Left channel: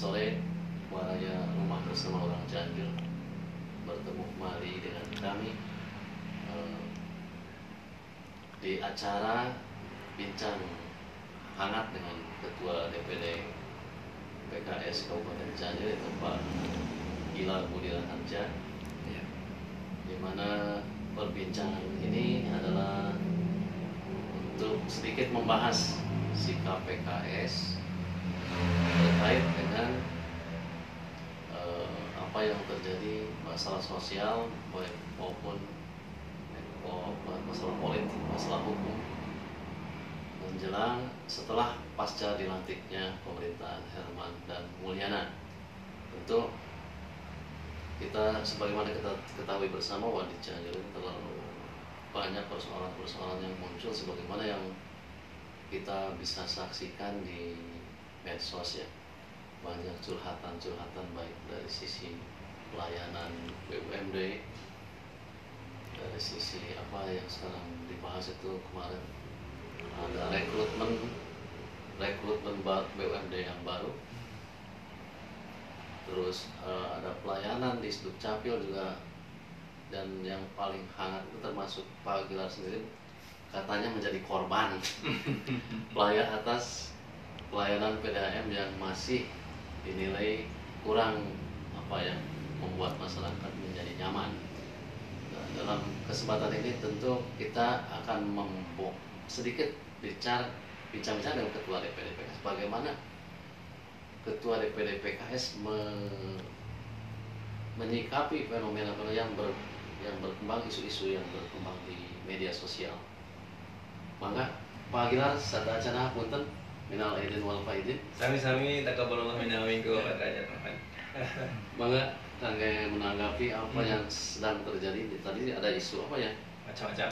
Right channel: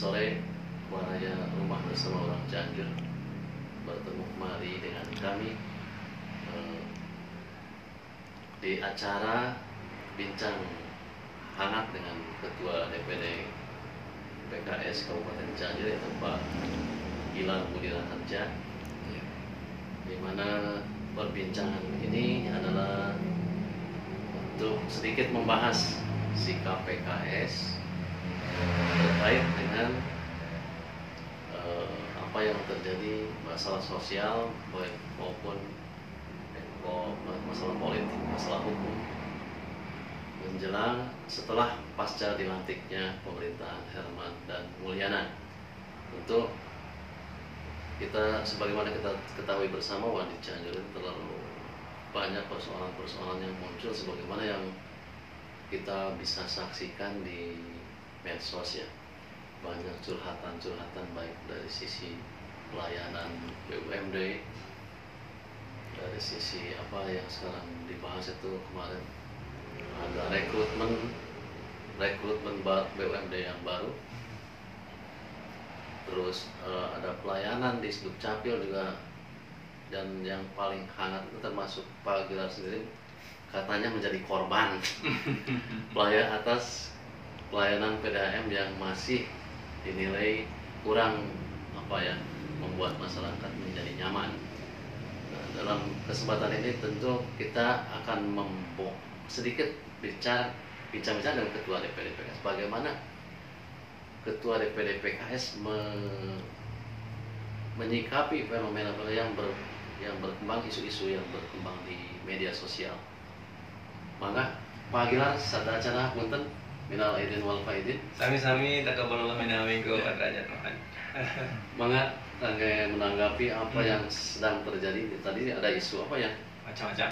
sore warnanya rumah bersama orang Cianjur bertemu kembali dengan kami di acara bincang hangat dengan Ketua DPD PKS Kabupaten Cianjur yaitu Pak Gilang Budi Raharja, di mana perbincangan ini adalah untuk sedikit membahas sikap PKS terkait dengan apa yang terjadi masalah sosial maupun masalah politik, masalah hukum menjelang setelah pasca dilantiknya pemerintahan Herman dan Mulyana. Tentu kita sebagaimana kita ketahui bersama bahwa di Cianjur itu terlalu banyak persoalan-persoalan yang muncul sebagaimana yang kita bisa saksikan di medsos ya. Banyak curhatan-curhatan baik dari sisi pelayanan BUMD, dari sisi apa yang sekarang dibahas itu kemarin ada rekrutmen BUMD yang baru, terus ada pelayanan di Sdukcapil juga, dan yang paling hangat itu termasuk Pak Gilar sendiri katanya menjadi korban atas pelayanan PDAM yang masih dinilai kurang membuat masyarakat menjadi nyaman. Nah, dalam kesempatan ini tentu kita akan sedikit bincang-bincang dengan Ketua DPD PKS bagaimana Ketua DPD PKS menyikapi fenomena yang berkembang, isu-isu yang berkembang di media sosial. Maka Pak Gilar sada acara punten minal aidin wal faidin. Sami-sami taqabbalallahu minna wa minkum derajat Tuhan. Maka kangge menanggapi apa yang sedang terjadi tadi ada isu apa ya? Macam-macam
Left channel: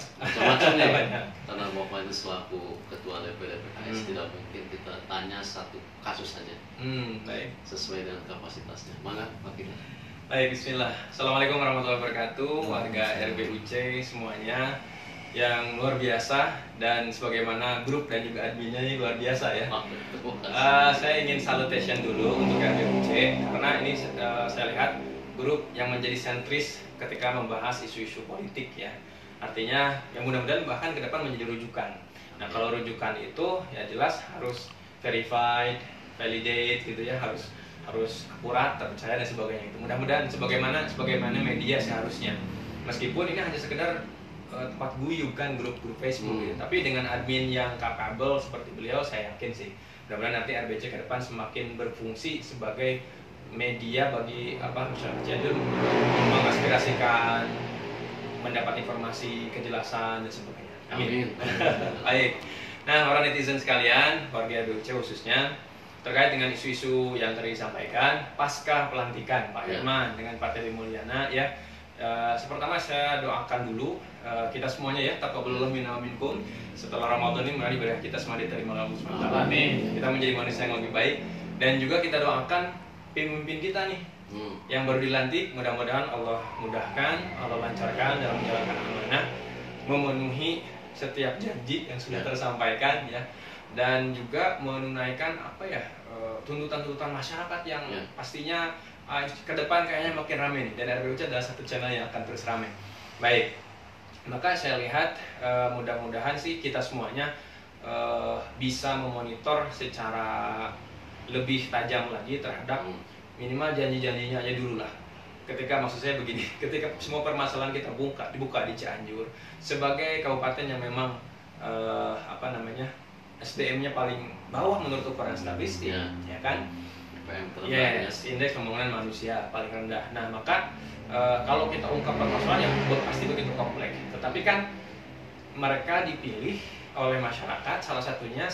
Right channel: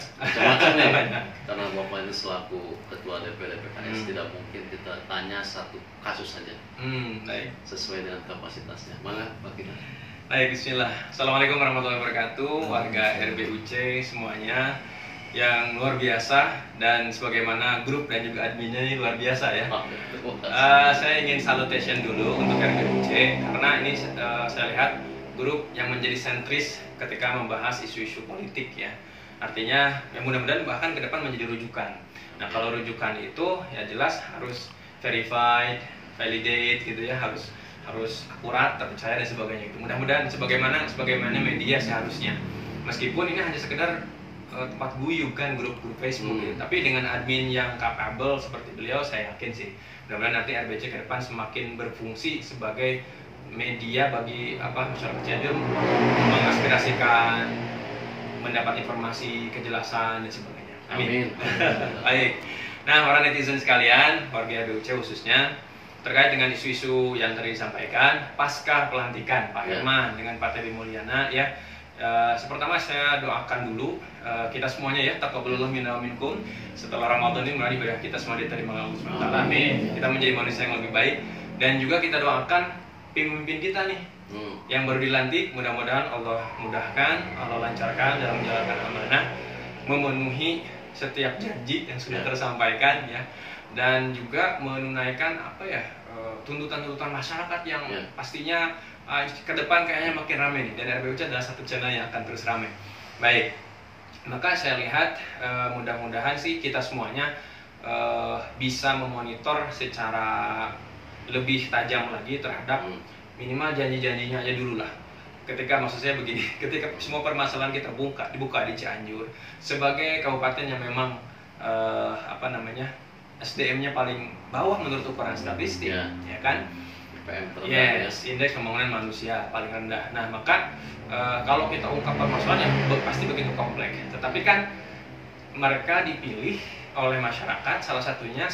ya. Karena Bapak ini selaku Ketua DPD PKS tidak mungkin kita tanya satu kasus saja. Baik. Sesuai dengan kapasitasnya. Maka Pak Gilar. Baik, bismillah. Assalamualaikum warahmatullahi wabarakatuh, warga RBUC semuanya yang luar biasa, dan sebagaimana grup dan juga adminnya ini luar biasa ya. Saya ingin salutation dulu untuk RBUC karena ini saya lihat grup yang menjadi sentris ketika membahas isu-isu politik ya. Artinya ya mudah-mudahan bahkan ke depan menjadi rujukan. Nah, kalau rujukan itu ya jelas harus verified, validate gitu ya, harus akurat, terpercaya dan sebagainya. Itu mudah-mudahan sebagaimana media seharusnya. Meskipun ini hanya sekedar tempat guyub kan, grup Facebook gitu. Tapi dengan admin yang capable seperti beliau, saya yakin sih mudah-mudahan nanti RBC ke depan semakin berfungsi sebagai media bagi masyarakat Cianjur, mengaspirasikan, mendapat informasi, kejelasan dan sebagainya. Amin. Baik. Nah, para netizen sekalian, warga RBUC khususnya, terkait dengan isu-isu yang tadi disampaikan pasca pelantikan Pak Herman dengan Pak Teddy Mulyana ya. Pertama saya doakan dulu kita semuanya ya, taqabbalallahu minna wa minkum, setelah Ramadan ini mudah ibadah kita semua diterima Allah Subhanahu wa taala. Amin. Kita menjadi manusia yang lebih baik, dan juga kita doakan pemimpin kita nih yang baru dilantik, mudah-mudahan Allah mudahkan, Allah lancarkan dalam menjalankan amanah, memenuhi setiap janji yang sudah tersampaikan ya, dan juga menunaikan tuntutan-tuntutan masyarakat yang pastinya ke depan kayaknya makin ramai nih, dan RBUC adalah satu channel yang akan terus ramai. Baik, maka saya lihat mudah-mudahan sih kita semuanya bisa memonitor secara lebih tajam lagi terhadap minimal janji-janjinya aja dulu lah. Maksud saya begini, ketika semua permasalahan kita dibuka di Cianjur sebagai kabupaten yang memang SDM-nya paling bawah menurut ukuran statistik, ya kan? Yes, indeks pembangunan manusia paling rendah. Nah, maka kalau kita ungkap permasalahan yang pasti begitu kompleks. Tetapi kan mereka dipilih oleh masyarakat, salah satunya.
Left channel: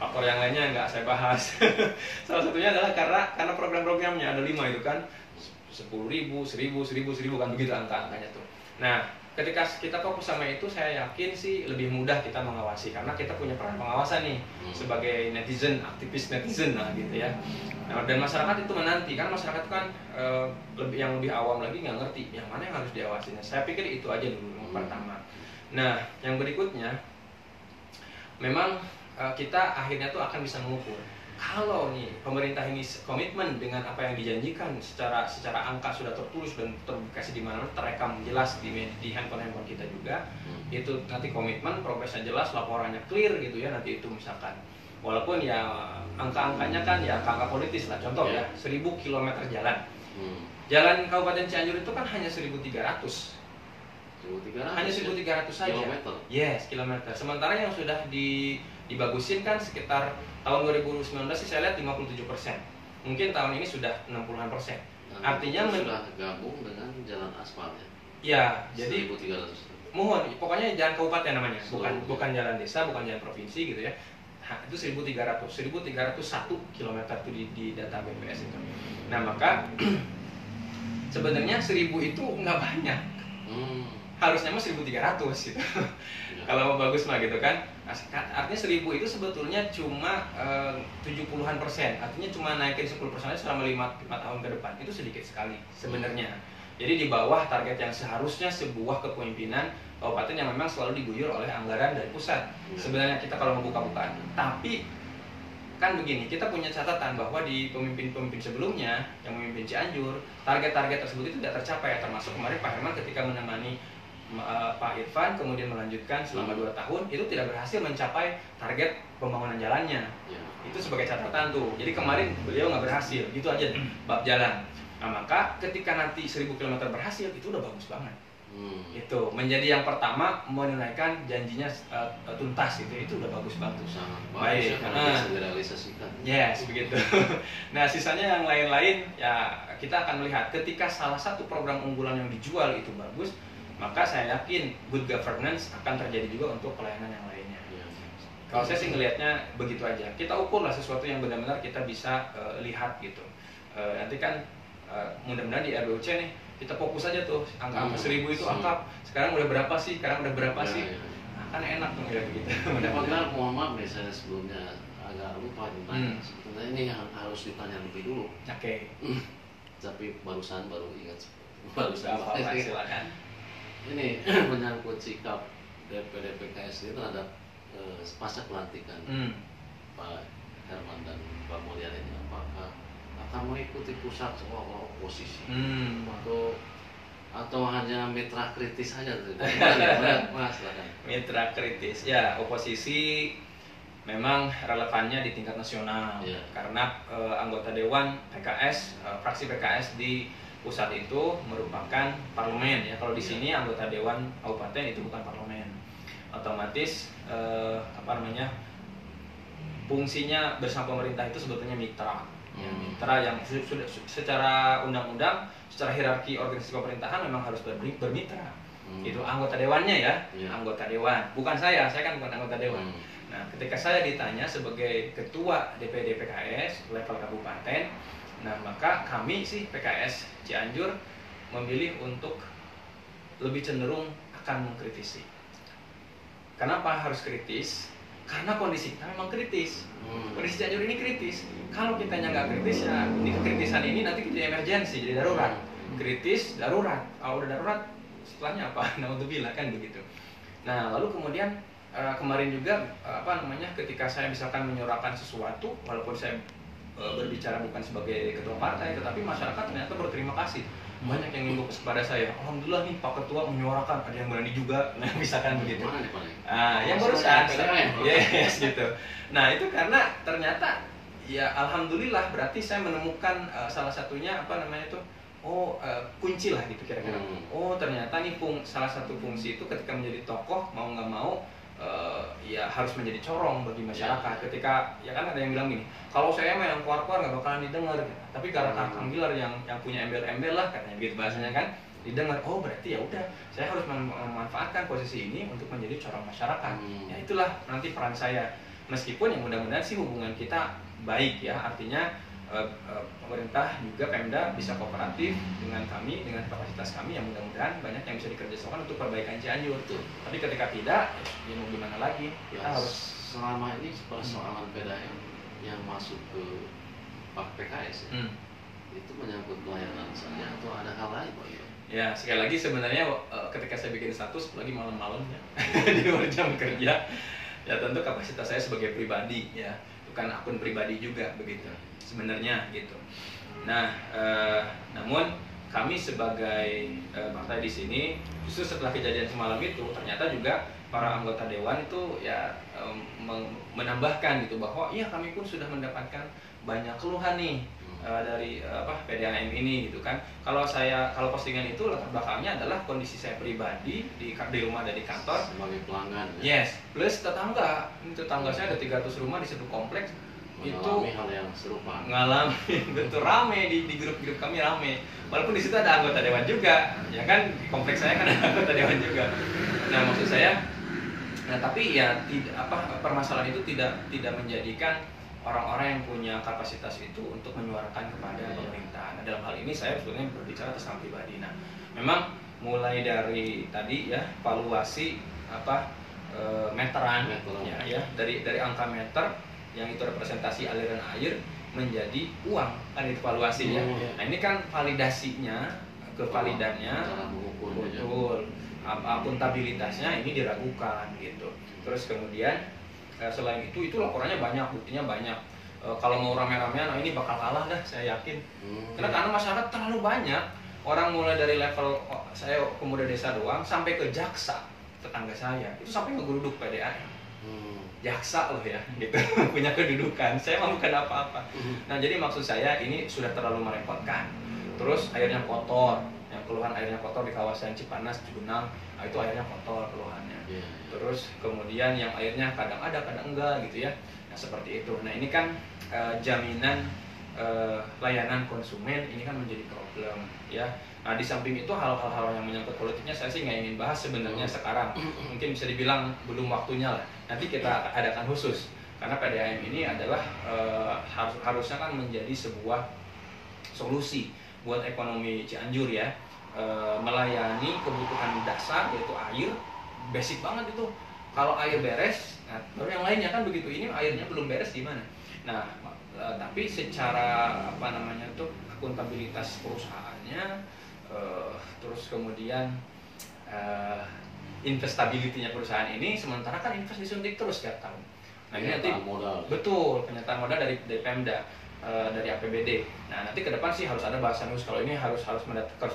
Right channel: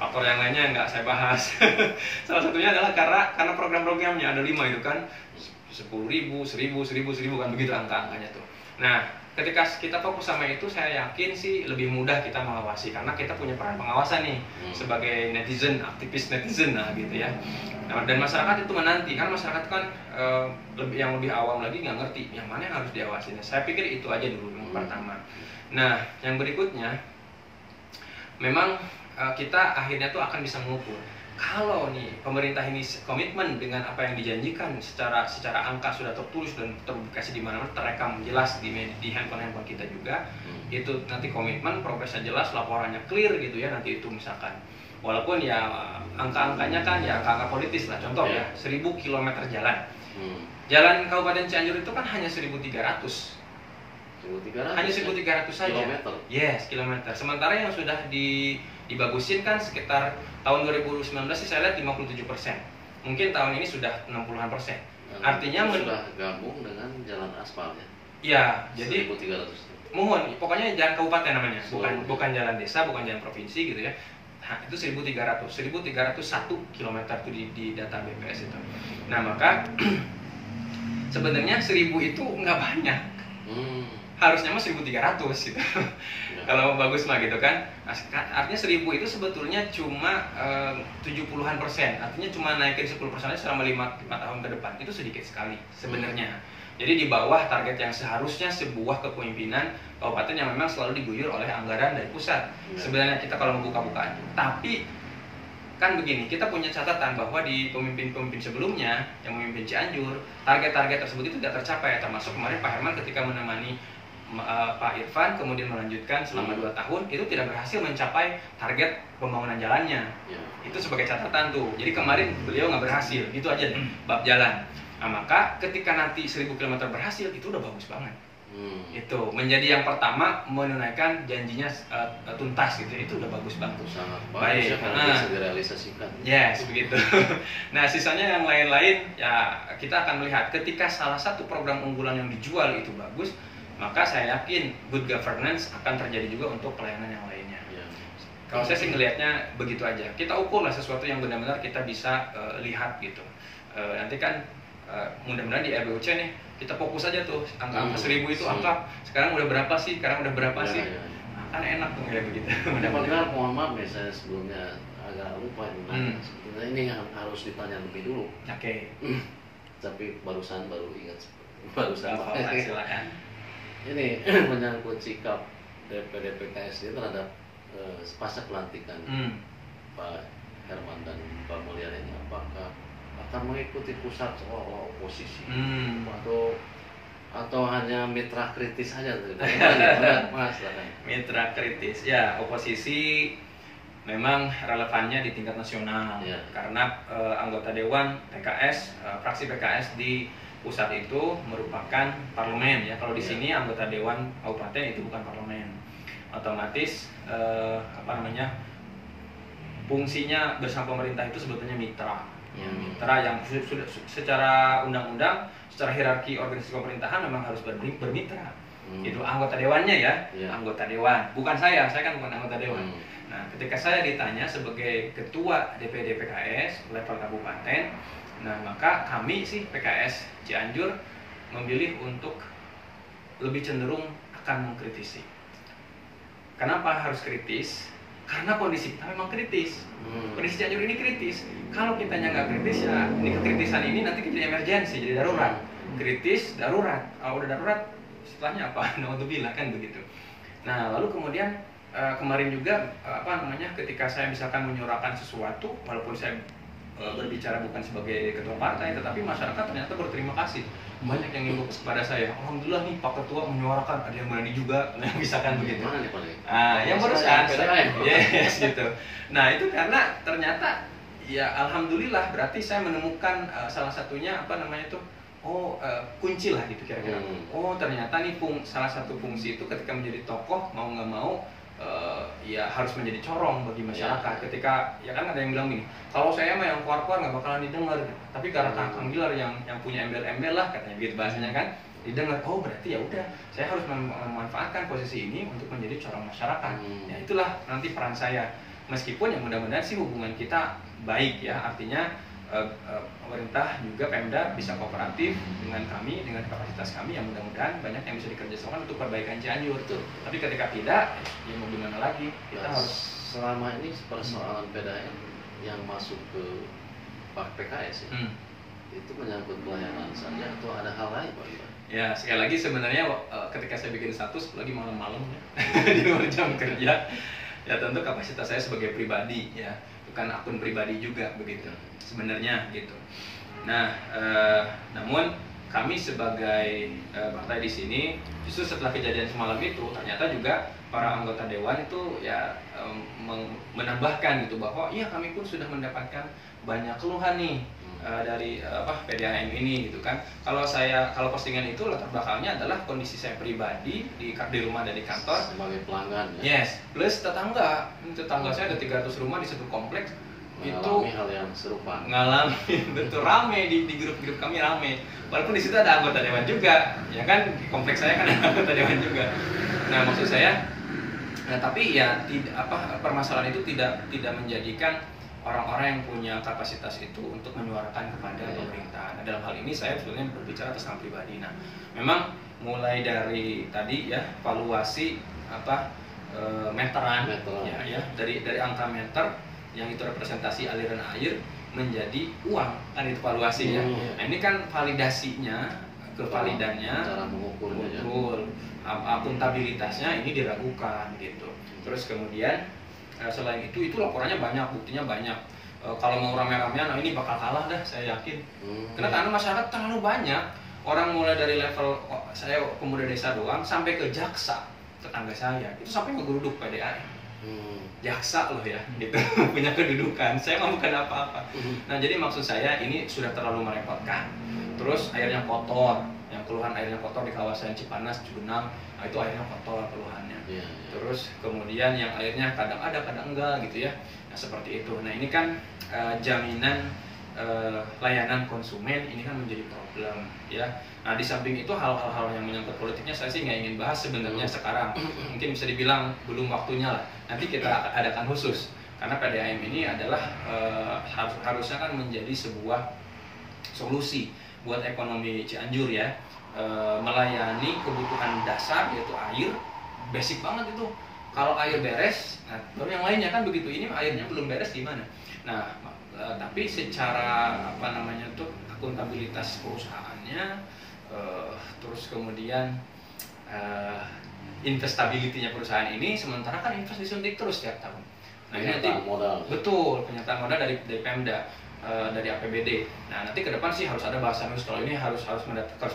Faktor yang lainnya nggak saya bahas. Salah satunya adalah karena program-programnya ada 5 itu kan, 10.000, 1.000 kan begitu angka-angkanya tuh. Nah, ketika kita fokus sama itu, saya yakin sih lebih mudah kita mengawasi karena kita punya peran pengawasan nih sebagai netizen, aktivis netizen gitu ya. Nah, dan masyarakat itu menanti, karena masyarakat kan yang lebih awam lagi nggak ngerti yang mana yang harus diawasi. Saya pikir itu aja dulu yang pertama. Nah, yang berikutnya memang kita akhirnya tuh akan bisa mengukur kalau nih pemerintah ini komitmen dengan apa yang dijanjikan secara angka sudah tertulis dan terpublikasi di mana-mana, terekam jelas di handphone kita juga, itu nanti komitmen, progresnya jelas, laporannya clear gitu ya, nanti itu misalkan walaupun ya angka-angkanya kan ya angka politis lah, contoh ya 1000 km jalan. Jalan Kabupaten Cianjur itu kan hanya 1.300. Hanya 1.300 saja. Kilometer. Yes, kilometer. Sementara yang sudah dibagusin kan sekitar tahun 2019 sih saya lihat 57%. Mungkin tahun ini sudah 60-an%. Artinya sudah gabung dengan jalan aspal ya. Ya, jadi 1.300. mohon, pokoknya jalan kabupaten namanya, bukan jalan desa, bukan jalan provinsi gitu ya. Nah, itu 1.301 km itu di data BPS itu. Nah, maka sebenarnya 1.000 itu nggak banyak. Harusnya mah 1.300 gitu. Kalau bagus mah gitu kan. Nah, artinya 1.000 itu sebetulnya cuma 70-an%. Artinya cuma naikin 10% aja selama 5 tahun ke depan. Itu sedikit sekali sebenarnya. Jadi di bawah target yang seharusnya sebuah kepemimpinan kabupaten yang memang selalu diguyur oleh anggaran dari pusat. Sebenarnya kita kalau membuka-bukaan. Tapi kan begini, kita punya catatan bahwa di pemimpin-pemimpin sebelumnya yang memimpin Cianjur, target-target tersebut itu tidak tercapai, termasuk kemarin Pak Herman ketika menemani Pak Irfan kemudian melanjutkan selama 2 tahun itu tidak berhasil mencapai target pembangunan jalannya. Itu sebagai catatan tuh. Jadi kemarin beliau nggak berhasil, gitu aja bab jalan. Nah, maka ketika nanti 1.000 km berhasil itu udah bagus banget. Itu menjadi yang pertama menunaikan janjinya tuntas gitu, itu udah bagus banget. Sangat baik, bisa direalisasikan. Yes, begitu. Nah, sisanya yang lain-lain ya kita akan melihat ketika salah satu program unggulan yang dijual itu bagus, maka saya yakin good governance akan terjadi juga untuk pelayanan yang lainnya. Kalau saya sih ngelihatnya begitu aja. Kita ukur lah sesuatu yang benar-benar kita bisa lihat gitu. Nanti kan mudah-mudahan di RBUC nih kita fokus aja tuh angka 1.000 itu angka sekarang udah berapa sih, sekarang udah berapa sih. Nah, kan enak tuh kayak begitu. Bagaimana, mohon maaf nih saya sebelumnya agak lupa sebetulnya ini yang harus ditanya lebih dulu. Oke. Tapi baru ingat. Apa silakan. Ini menyangkut sikap DPD PKS ini terhadap pasca pelantikan Pak Herman dan Pak Mulyana ini, apakah akan mengikuti pusat seolah oposisi atau hanya mitra kritis saja? Mas, mitra kritis ya, oposisi memang relevannya di tingkat nasional karena anggota dewan PKS, fraksi PKS di pusat itu merupakan parlemen ya. Kalau di sini anggota dewan kabupaten itu bukan parlemen, otomatis fungsinya bersama pemerintah itu sebetulnya mitra. Mitra yang sudah secara undang-undang, secara hierarki organisasi pemerintahan memang harus bermitra. Itu anggota dewannya ya, anggota dewan. Bukan saya kan bukan anggota dewan. Nah, ketika saya ditanya sebagai ketua DPD PKS level kabupaten, nah maka kami sih PKS Cianjur memilih untuk lebih cenderung akan mengkritisi. Kenapa harus kritis? Karena kondisi kita memang kritis. Kondisi Cianjur ini kritis. Kalau kitanya nggak kritis ya, ini kekritisan ini nanti jadi emergensi, jadi darurat. Kritis, darurat. Kalau udah darurat, setelahnya apa? Naudzubillah kan begitu. Nah, lalu kemudian kemarin juga ketika saya misalkan menyuarakan sesuatu, walaupun saya berbicara bukan sebagai ketua partai, tetapi masyarakat ternyata berterima kasih. Banyak yang ngimbau kepada saya, alhamdulillah nih Pak Ketua menyuarakan, ada yang berani juga, nah misalkan begitu. Yang barusan, yes gitu. Nah itu karena ternyata ya alhamdulillah berarti saya menemukan salah satunya kunci lah gitu kira-kira. Oh ternyata nih salah satu fungsi itu ketika menjadi tokoh mau nggak mau ya harus menjadi corong bagi masyarakat. Ketika ya kan ada yang bilang gini, kalau saya mah yang keluar-keluar nggak bakalan didengar, tapi karena Kang Gilar yang punya embel-embel lah katanya gitu bahasanya kan, didengar. Oh berarti ya udah saya harus memanfaatkan posisi ini untuk menjadi corong masyarakat. Ya itulah nanti peran saya. Meskipun yang mudah-mudahan sih hubungan kita baik ya, artinya pemerintah juga Pemda bisa kooperatif dengan kami, dengan kapasitas kami yang mudah-mudahan banyak yang bisa dikerjasamakan untuk perbaikan Cianjur. Tapi ketika tidak, ya mau gimana lagi? Kita harus selama ini persoalan PDAM yang masuk ke PKS itu menyangkut pelayanan saja atau ada hal lain Pak? Ya sekali lagi sebenarnya ketika saya bikin status lagi malam-malam ya di luar jam kerja, ya tentu kapasitas saya sebagai pribadi ya bukan akun pribadi juga begitu sebenarnya gitu. Nah, namun kami sebagai partai di sini justru setelah kejadian semalam itu ternyata juga para anggota dewan itu ya menambahkan gitu bahwa iya kami pun sudah mendapatkan banyak keluhan nih dari PDAM ini gitu kan. Kalau postingan itu latar belakangnya adalah kondisi saya pribadi di rumah dan di kantor sebagai pelanggan ya. Yes, plus tetangga saya ada 300 rumah di satu kompleks mengalami hal yang serupa. Ngalamin betul, rame di grup-grup kami rame. Walaupun di situ ada anggota dewan juga, ya kan di kompleks saya kan ada anggota dewan juga. Nah, maksud saya tapi ya permasalahan itu tidak menjadikan orang-orang yang punya kapasitas itu untuk menyuarakan kepada pemerintah. Nah, dalam hal ini saya sebetulnya berbicara atas nama pribadi. Nah, memang mulai dari tadi ya valuasi meteran. Ya dari angka meter yang itu representasi aliran air menjadi uang, kan itu valuasi ya. Nah, ini kan validasinya, kevalidannya cara mengukur betul. Akuntabilitasnya ini diragukan gitu. Terus kemudian selain itu laporannya banyak, buktinya banyak. Kalau mau rame-ramean, nah ini bakal kalah dah, saya yakin. Karena masyarakat terlalu banyak. Orang mulai dari level saya pemuda desa doang sampai ke jaksa tetangga saya itu sampai ngegeruduk PDAM. Jaksa loh ya, gitu punya kedudukan. Saya mah bukan apa-apa. Nah jadi maksud saya ini sudah terlalu merepotkan. Terus airnya kotor, yang keluhan airnya kotor di kawasan Cipanas, Cibenang, nah itu airnya kotor keluhannya. Terus kemudian yang airnya kadang ada, kadang enggak gitu ya. Nah seperti itu. Nah ini kan jaminan layanan konsumen ini kan menjadi problem ya. Nah di samping itu hal-hal yang menyangkut politiknya saya sih nggak ingin bahas sebenarnya sekarang. Mungkin bisa dibilang belum waktunya lah. Nanti kita adakan khusus karena PDAM ini adalah harusnya kan menjadi sebuah solusi buat ekonomi Cianjur ya. Melayani kebutuhan dasar yaitu air, basic banget itu. Kalau air beres, nah, baru yang lainnya kan begitu. Ini airnya belum beres gimana? Nah, tapi secara akuntabilitas perusahaannya, terus kemudian investability-nya perusahaan ini, sementara kan invest disuntik terus tiap tahun. Nah ini nanti modal. Betul, penyataan modal dari Pemda. Dari APBD. Nah nanti ke depan sih harus ada bahasan khusus. Kalau ini harus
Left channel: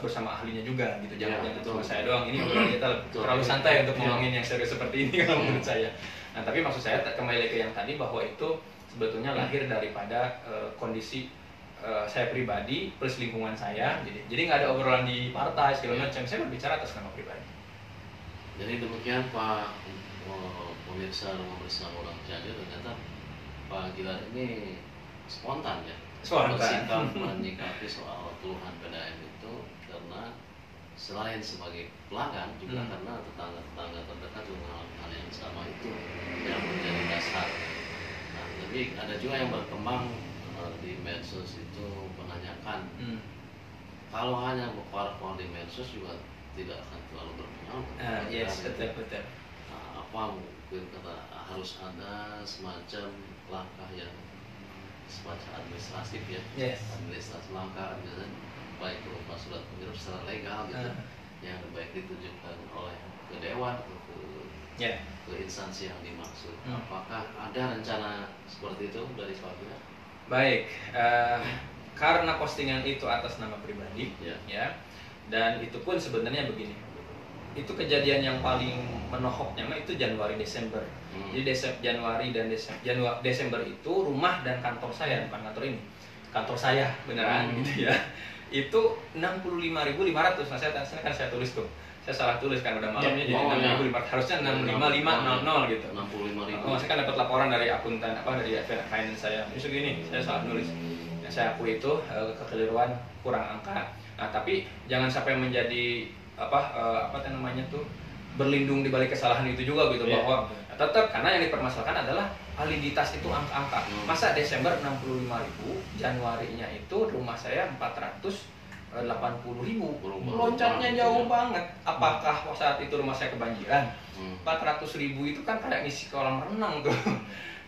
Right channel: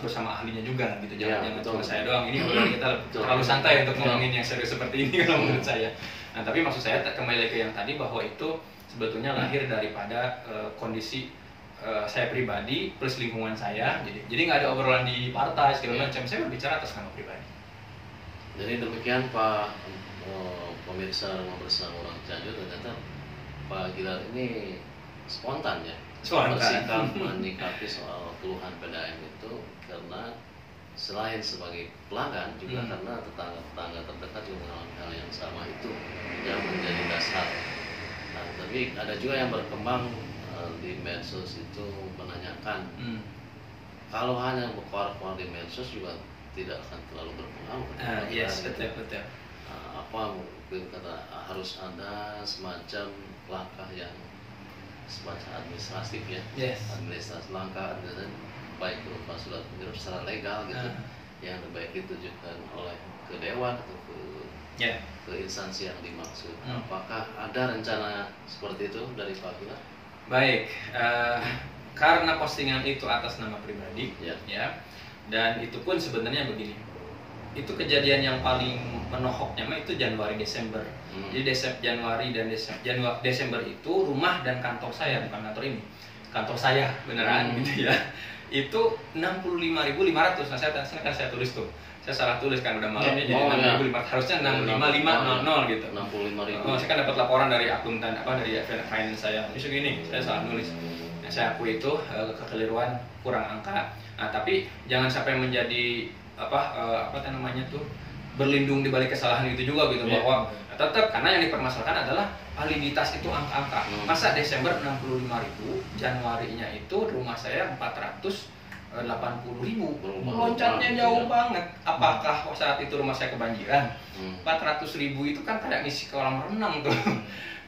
bersama ahlinya juga gitu. Jangan cuma saya doang. Ini kita terlalu santai untuk ngomongin yang serius seperti ini kalau menurut saya. Nah tapi maksud saya kembali ke yang tadi bahwa itu sebetulnya lahir daripada kondisi saya pribadi plus lingkungan saya. Jadi nggak ada obrolan di partai segala macam. Saya berbicara atas nama pribadi. Jadi demikian Pak pemirsa Rumah Bersama Orang Cianjur, ternyata Pak Gilar ini spontan ya, bersikap menyikapi soal keluhan PDAM itu karena selain sebagai pelanggan juga karena tetangga terdekat juga mengalami hal yang sama itu yang menjadi dasar. Nah, tapi ada juga yang berkembang di medsos itu menanyakan kalau hanya berkuar-kuar di medsos juga tidak akan terlalu berpengaruh. Yes, betul. Apa mungkin kata harus ada semacam langkah yang semacam administratif ya, administrasi langkah baik berupa surat pengirim secara legal gitu, yang baik ditujukan oleh ke dewan atau ke instansi yang dimaksud. Apakah ada rencana seperti itu dari Pak Gilar? Baik, karena postingan itu atas nama pribadi, ya, dan itu pun sebenarnya begini. Itu kejadian yang paling menohoknya itu Januari Desember. Jadi Januari dan Desember itu rumah dan kantor saya, bukan kantor ini, kantor saya beneran gitu ya. Itu 65.500. Nah saya tulis tuh. Saya salah tulis kan udah malamnya jadi 6500, harusnya 65500 gitu. 65.000. Saya kan dapat laporan dari akuntan dari finance saya. Ini segini, saya salah nulis. Ya, saya akui itu kekeliruan kurang angka. Nah, tapi jangan sampai menjadi berlindung di balik kesalahan itu juga gitu, bahwa tetap karena yang dipermasalahkan adalah validitas itu angka-angka. Masa Desember 65.000, Januarinya itu rumah saya 480.000, loncatnya jauh banget. Apakah saat itu rumah saya kebanjiran? 400.000 itu kan kayak ngisi kolam renang tuh.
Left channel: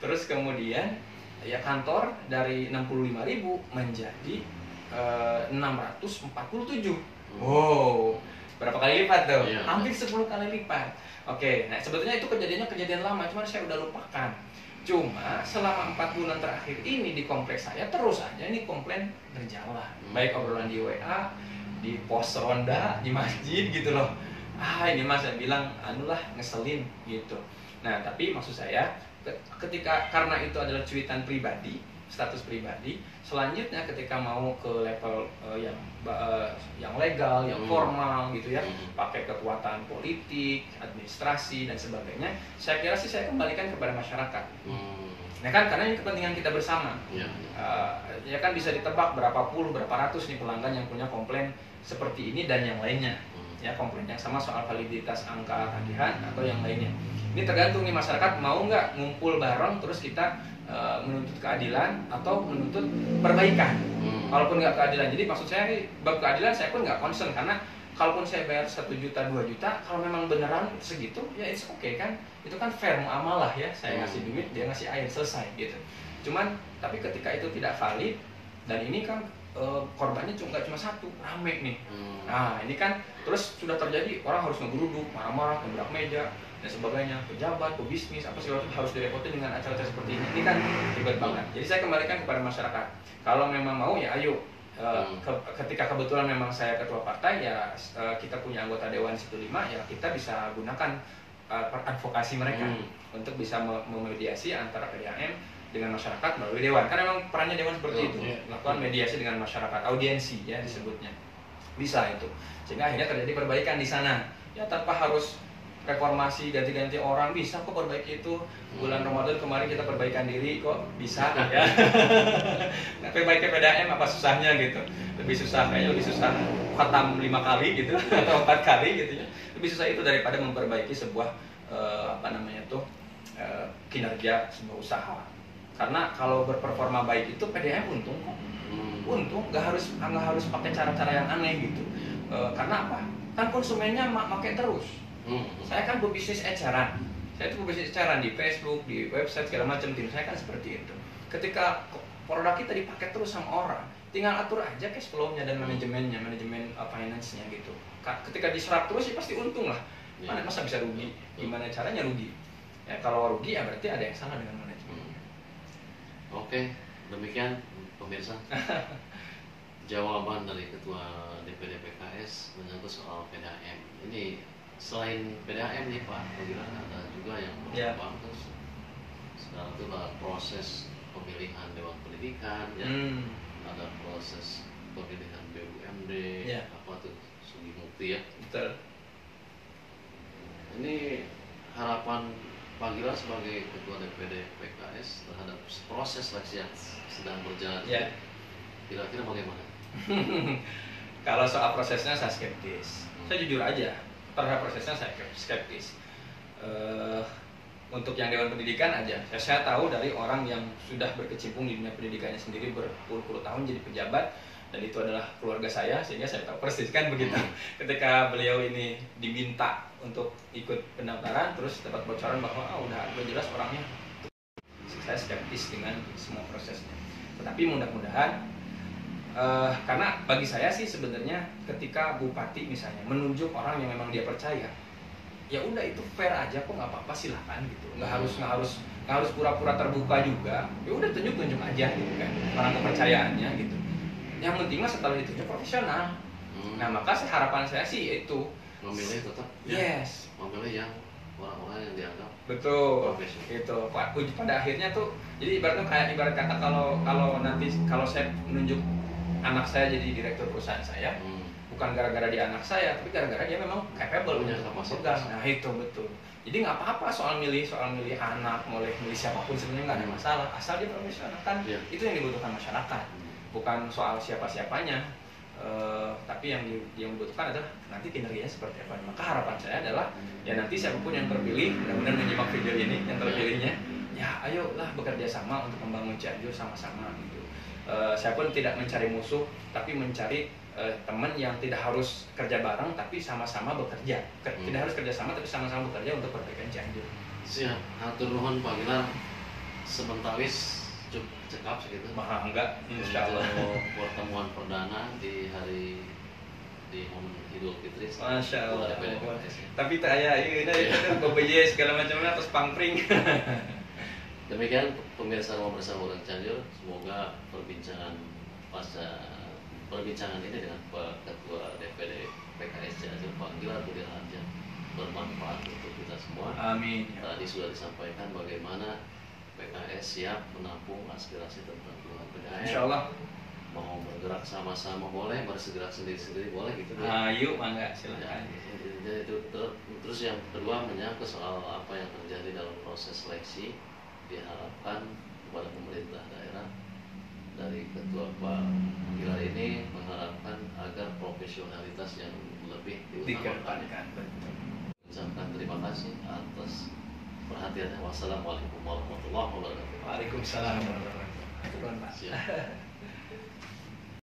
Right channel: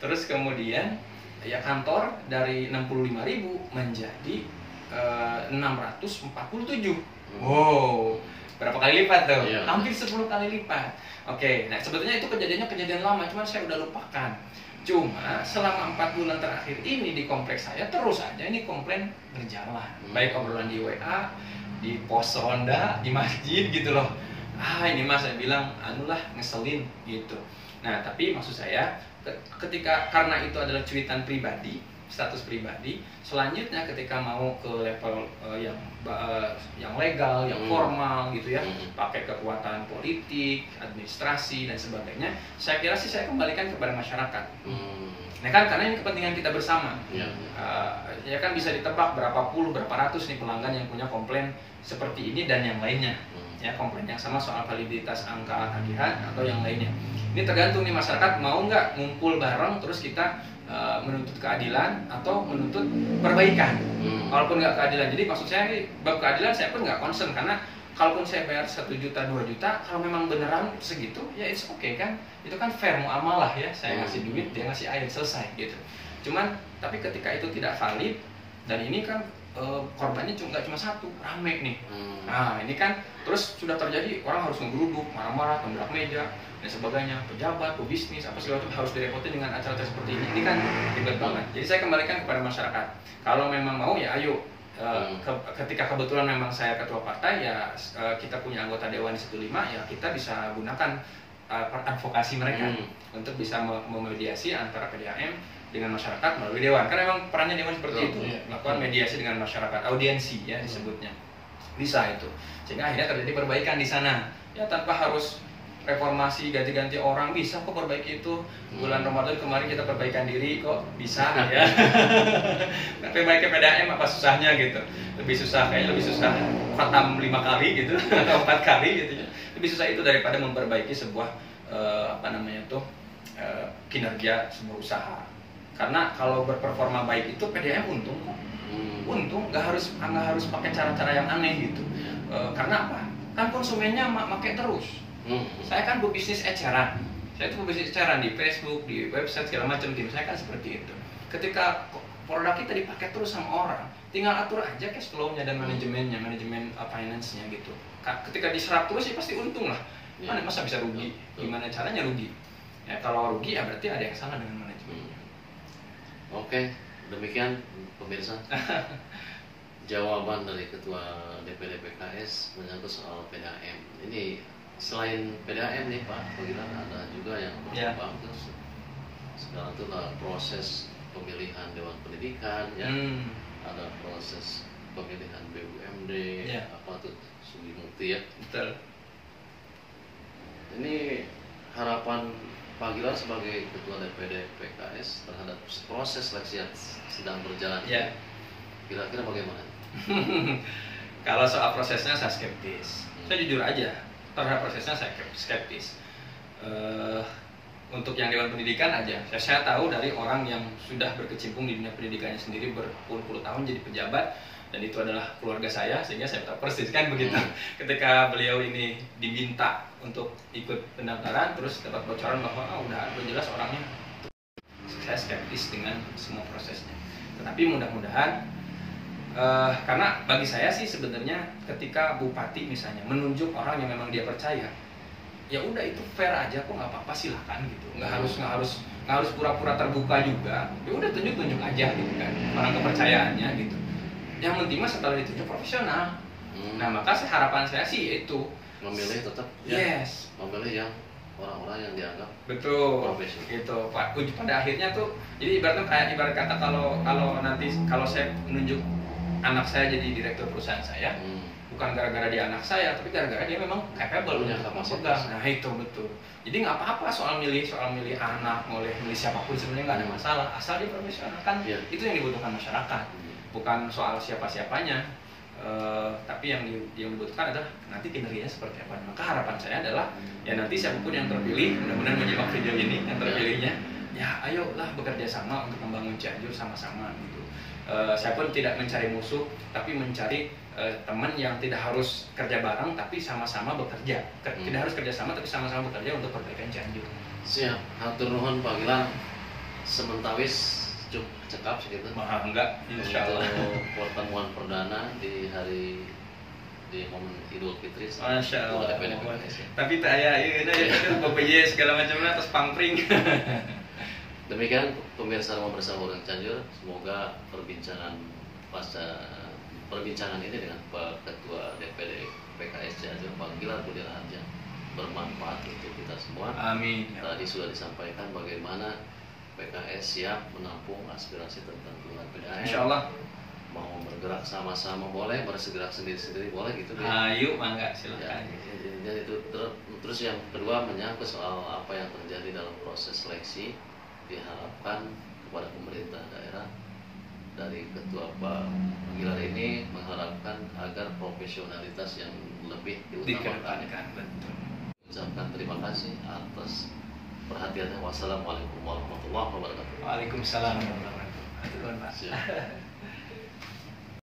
Terus kemudian ya kantor dari 65.000 menjadi 647. Wow, berapa kali lipat tuh? Hampir 10 kali lipat. Oke, nah sebetulnya itu kejadian lama, cuman saya udah lupakan. Cuma selama 4 bulan terakhir ini di kompleks saya terus aja ini komplain berjalan. Baik obrolan di WA, di pos ronda, di masjid gitu loh. Ini mas saya bilang anulah ngeselin gitu. Nah tapi maksud saya ketika karena itu adalah cuitan pribadi, status pribadi, selanjutnya ketika mau ke level yang legal, yang formal gitu ya, pakai kekuatan politik, administrasi dan sebagainya, saya kira sih saya kembalikan kepada masyarakat. Nah kan karena ini kepentingan kita bersama. Ya kan bisa ditebak berapa puluh, berapa ratus nih pelanggan yang punya komplain seperti ini dan yang lainnya. Ya komplain yang sama soal validitas angka tagihan atau yang lainnya. Ini tergantung nih masyarakat mau nggak ngumpul bareng terus kita menuntut keadilan atau menuntut perbaikan. Walaupun nggak keadilan. Jadi maksud saya bab keadilan saya pun nggak concern karena kalaupun saya bayar 1 juta 2 juta kalau memang beneran segitu ya it's okay kan. Itu kan fair muamalah ya. Saya ngasih duit dia ngasih air selesai gitu. Cuman tapi ketika itu tidak valid dan ini kan korbannya nggak cuma satu, rame nih. Nah ini kan terus sudah terjadi orang harus ngegeruduk, marah-marah, tembak meja dan sebagainya, pejabat, pebisnis, apa segala macam harus direpotin dengan acara-acara seperti ini. Ini kan ribet banget. Jadi saya kembalikan kepada masyarakat. Kalau memang mau ya ayo. Ketika kebetulan memang saya ketua partai ya kita punya anggota dewan 15 ya kita bisa gunakan advokasi mereka untuk bisa memediasi antara PDAM dengan masyarakat melalui dewan. Kan memang perannya dewan seperti itu, melakukan mediasi dengan masyarakat, audiensi ya disebutnya. Bisa itu. Sehingga akhirnya terjadi perbaikan di sana. Ya tanpa harus reformasi ganti-ganti orang bisa kok perbaiki itu. Bulan Ramadan kemarin kita perbaikan diri kok bisa ya. Nah, perbaiki PDAM apa susahnya gitu. Lebih susah khatam 5 kali gitu atau 4 kali gitu ya. Lebih susah itu daripada memperbaiki sebuah kinerja sebuah usaha. Karena kalau berperforma baik itu PDAM untung kok. Untung nggak harus pakai cara-cara yang aneh gitu. Karena apa? Kan konsumennya pakai terus. Saya kan berbisnis eceran. Saya itu berbisnis eceran di Facebook, di website segala macam. Tim saya kan seperti itu. Ketika produk kita dipakai terus sama orang, tinggal atur aja cash flow-nya dan manajemen finance-nya gitu. Ketika diserap terus ya pasti untung lah. Mana masa bisa rugi? Gimana caranya rugi? Ya kalau rugi ya berarti ada yang salah dengan manajemen. Oke, demikian pemirsa jawaban dari Ketua DPD PKS menyangkut soal PDAM. Ini selain PDAM nih Pak, bagaimana ada juga yang berkembang terus. Sekarang itu proses pemilihan Dewan Pendidikan, ya, ada proses pemilihan BUMD, apa tuh Sugi Mukti ya. Betul. Ini harapan Pak Gilar sebagai Ketua DPD PKS terhadap proses seleksi yang sedang berjalan. Kira-kira bagaimana? Kalau soal prosesnya saya skeptis. Saya jujur aja terhadap prosesnya saya skeptis. Untuk yang Dewan Pendidikan aja, saya tahu dari orang yang sudah berkecimpung di dunia pendidikannya sendiri berpuluh-puluh tahun jadi pejabat dan itu adalah keluarga saya sehingga saya tahu persis kan begitu. Ketika beliau ini diminta untuk ikut pendaftaran terus dapat bocoran bahwa udah jelas orangnya, saya skeptis dengan semua prosesnya. Tetapi mudah-mudahan karena bagi saya sih sebenarnya ketika bupati misalnya menunjuk orang yang memang dia percaya, ya udah itu fair aja kok, nggak apa-apa silahkan gitu, nggak harus pura-pura terbuka juga, ya udah tunjuk aja gitu kan orang kepercayaannya gitu. Yang penting mah setelah ditunjuk profesional. Nah maka harapan saya sih itu memilih tetap memilih yang orang-orang yang dianggap profesional gitu Pak. Pada akhirnya tuh jadi ibarat kata kalau saya menunjuk anak saya jadi direktur perusahaan saya, bukan gara-gara dia anak saya, tapi gara-gara dia memang capable punya kapasitas. Nah itu betul. Jadi nggak apa-apa soal milih anak, milih siapapun sebenarnya nggak ada masalah, asal dia profesional kan. Itu yang dibutuhkan masyarakat, bukan soal siapa-siapanya. Tapi yang dibutuhkan adalah nanti kinerjanya seperti apa. Maka harapan saya adalah ya nanti siapapun yang terpilih, mudah-mudahan menyimak video ini yang terpilihnya, ya ayolah bekerja sama untuk membangun Cianjur sama-sama gitu. Saya pun tidak mencari musuh, tapi mencari teman yang tidak harus kerja bareng, tapi sama-sama bekerja. Tidak harus kerja sama, tapi sama-sama bekerja untuk perbaikan Cianjur. Siap, hatur nuhun Pak Gilar. Sementawis cukup cekap segitu. Enggak, insyaallah. Pertemuan perdana di momen Idul Fitri. Masya Allah. Tapi tak ya, ini BPJ segala macamnya atas pangpring. Demikian pemirsa Rumah Bersama Orang Cianjur, semoga perbincangan ini dengan Pak Ketua DPD PKS Cianjur, Pak Gilar Budi Raharja, bermanfaat untuk kita semua. Amin. Tadi sudah disampaikan bagaimana PKS siap menampung aspirasi tentang perubahan PDAM. Insya Allah. Mau bergerak sama-sama boleh, bergerak sendiri-sendiri boleh gitu. Ayo, mangga silakan. Jadi itu terus yang kedua menyangkut soal apa yang terjadi dalam proses seleksi, diharapkan kepada pemerintah daerah dari Ketua Pak Gilar ini mengharapkan agar profesionalitas yang lebih diutamakan. Ucapkan terima kasih atas perhatiannya. Wassalamualaikum warahmatullahi wabarakatuh. Waalaikumsalam warahmatullahi wabarakatuh. Siap.